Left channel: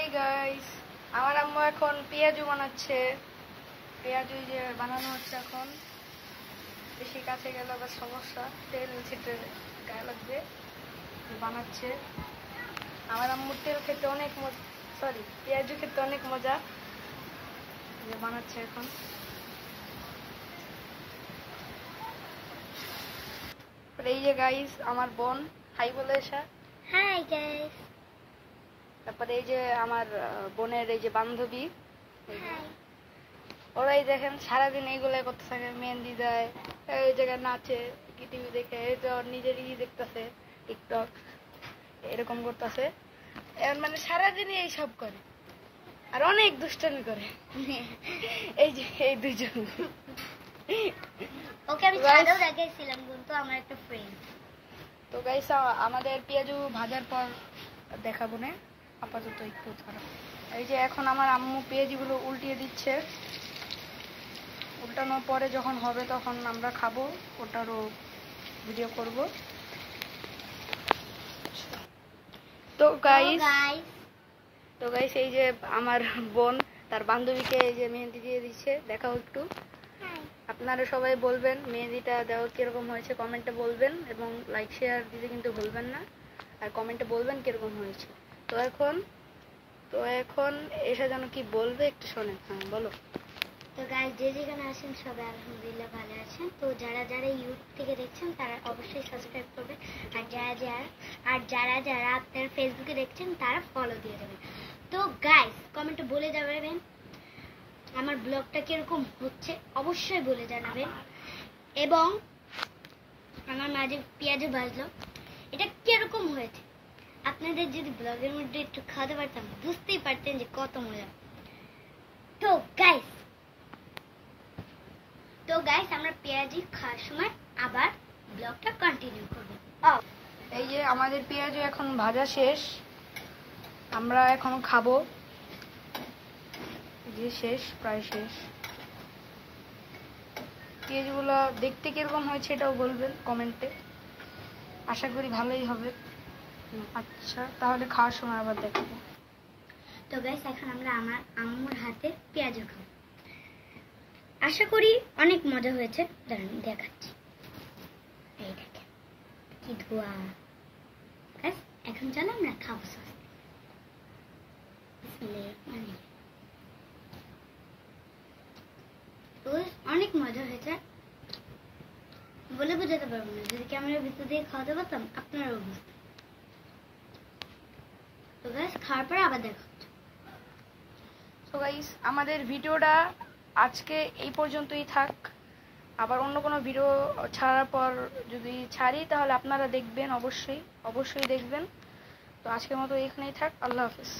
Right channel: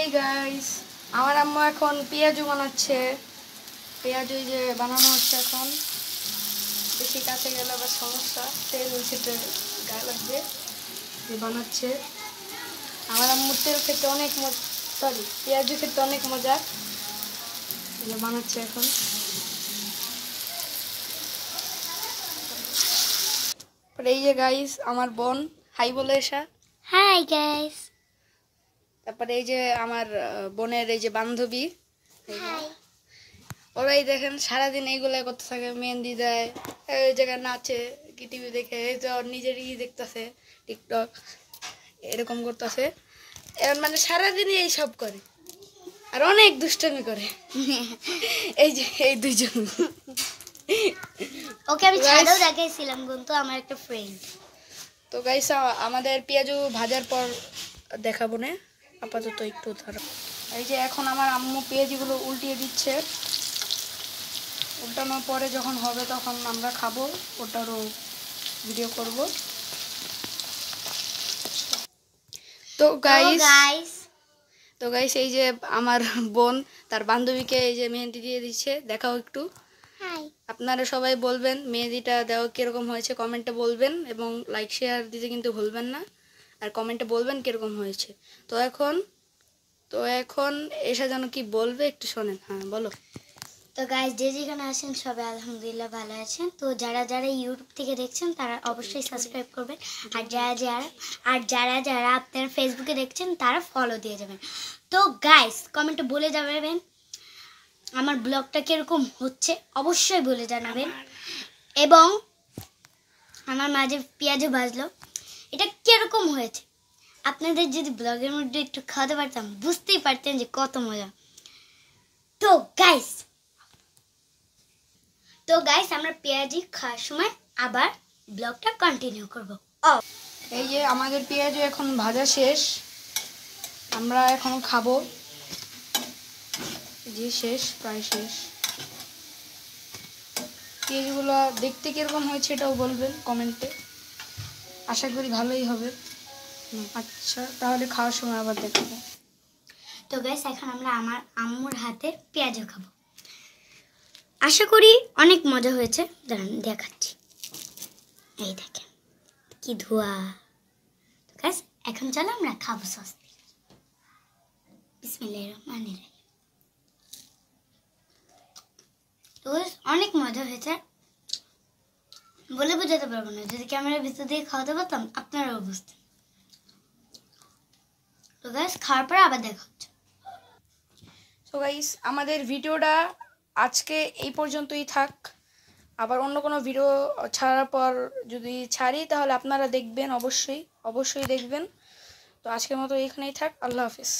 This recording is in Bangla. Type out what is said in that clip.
এই গাইস, আমার আম্মু এখন পেঁয়াজু বানাচ্ছে। পেঁয়াজু যে বানানো হচ্ছে এখন। বেশি কাছে গেলে আবার সমস্যা, তেল ছিটে গায়ে লাগবে। বানাচ্ছে আমার আম্মুর তেল খেতে অনেক সরি পেঁয়াজু খেতে অনেক মজা। বানাচ্ছে এখন। এই যে গাইস আমার বোন, হাই বলে এসা। Hi guys. তারপরে এই যে আমার বোনের এই যে বান্ধবী, ওরাই দেখেন সারাদিন এইগুলো করতে থাকে, মেহেন্দি দেয়, ওই জায়গায় নাচে, কি টিভি দেখে, এই যে ওর নিজের দেখতেছে টিকটক এরকম করতেছে। এখন মানে সারাদিনই এইসব করে আর অনেক দুষ্টামি করে। এই যে এই দুইজন, ওকে আমি ছাদেও দেখাইছিলাম কিন্তু আমার একটা ফ্রেন্ড। তো গাইস আমাদের পেঁয়াজু ভাজার পর দেখাবো না, আপাতত একটু ধরো। এই যে এখন আমার আম্মু পেঁয়াজিগুলো উল্টিয়ে দিচ্ছে। উল্টানোর পরে যখন হবে তখন আমরা খাবো, ওটারও ভিডিও করব। তো গাইস এই যে আমার বোন তার বান্ধবীকে এই যে মেহেন্দি দিয়ে দিচ্ছে, দেখাও একটু। আপনারা সবাই বলবেন মেহেন্দিটা দেওয়া কীরকম হয়েছে, কমেন্টে বলবেন এবং লাইক শেয়ার দিতে কিন্তু ভুলবেন না, আর কমেন্টে বলবেন কীরকম হয়েছে। তো এখন এসে যেন কি বলবে একটু শোনেন। হ্যাঁ বলো। তো গাইস যে যেখানে আছেন সবাই আলহামদুলিল্লাহ ভালো আছেন। তো যারা যারা ইউটিউব থেকে দেখছেন তারা অবশ্যই সাবস্ক্রাইব করবেন, আর যারা যারা আপনারা ফেসবুকে দেখছেন তারা ফলো দিয়ে যাবেন। তো গাইস কমেন্টে বলে যাবেন আমার ব্লগটা কিরকম হচ্ছে, অবশ্যই বলে জানাবেন। এবং আমার মাঝে পেঁয়াজও ভাজলো, এটা কিরকম হয়েছে। আপনাদের যদি ব্লগের মধ্যে একটু খাওয়াতে পারতাম বুঝতেই পারতেন যে কত মজা। তো গাইস আমরা পেঁয়াজি খাওয়ার সময় আবার ব্লগটা কন্টিনিউ করব। এই যে আমাদের পেঁয়াজু এখন ভাজা শেষ, আমরা এখন খাবো। যে শেষ, প্রায় শেষ। পেঁয়াজগুলো দেখতে কিরকম হয়েছে এটাও বলবেন কমেন্টে, আশা করি ভালোই হবে। আচ্ছা তাহলে খাওয়ার সময় আবার দেখাবো। তো গাইস এখন আমরা আমার আম্মুর হাতে পেঁয়াজু খাবো, আশা করি অনেক মজা হয়েছে। দাঁড়ান দেখাচ্ছি, এই দেখেন কি ধোয়া। গাইস এখন চলো আমরা খাবো সস্তি। বিসমিল্লাহির রহমানির রহিম। তো অনেক মজা হয়েছে, বলে বোঝাতে পারবো না। যদি ক্যামেরার ভিতর দিয়ে খাওয়াতে পারতাম আপনারাও বুঝতেন। তো গাইস খাওয়ার পরে আবার দেখা হচ্ছে। তো গাইস আমাদের ভিডিওটা আজকে এই পর্যন্তই থাক। আবার অন্য কোনো ভিডিও ছাড়ার পর যদি ছাড়ি তাহলে আপনারা দেখবেন, অবশ্যই দেখবেন। তো আজকের মতো এখানেই থাক। আল্লাহ হাফিজ।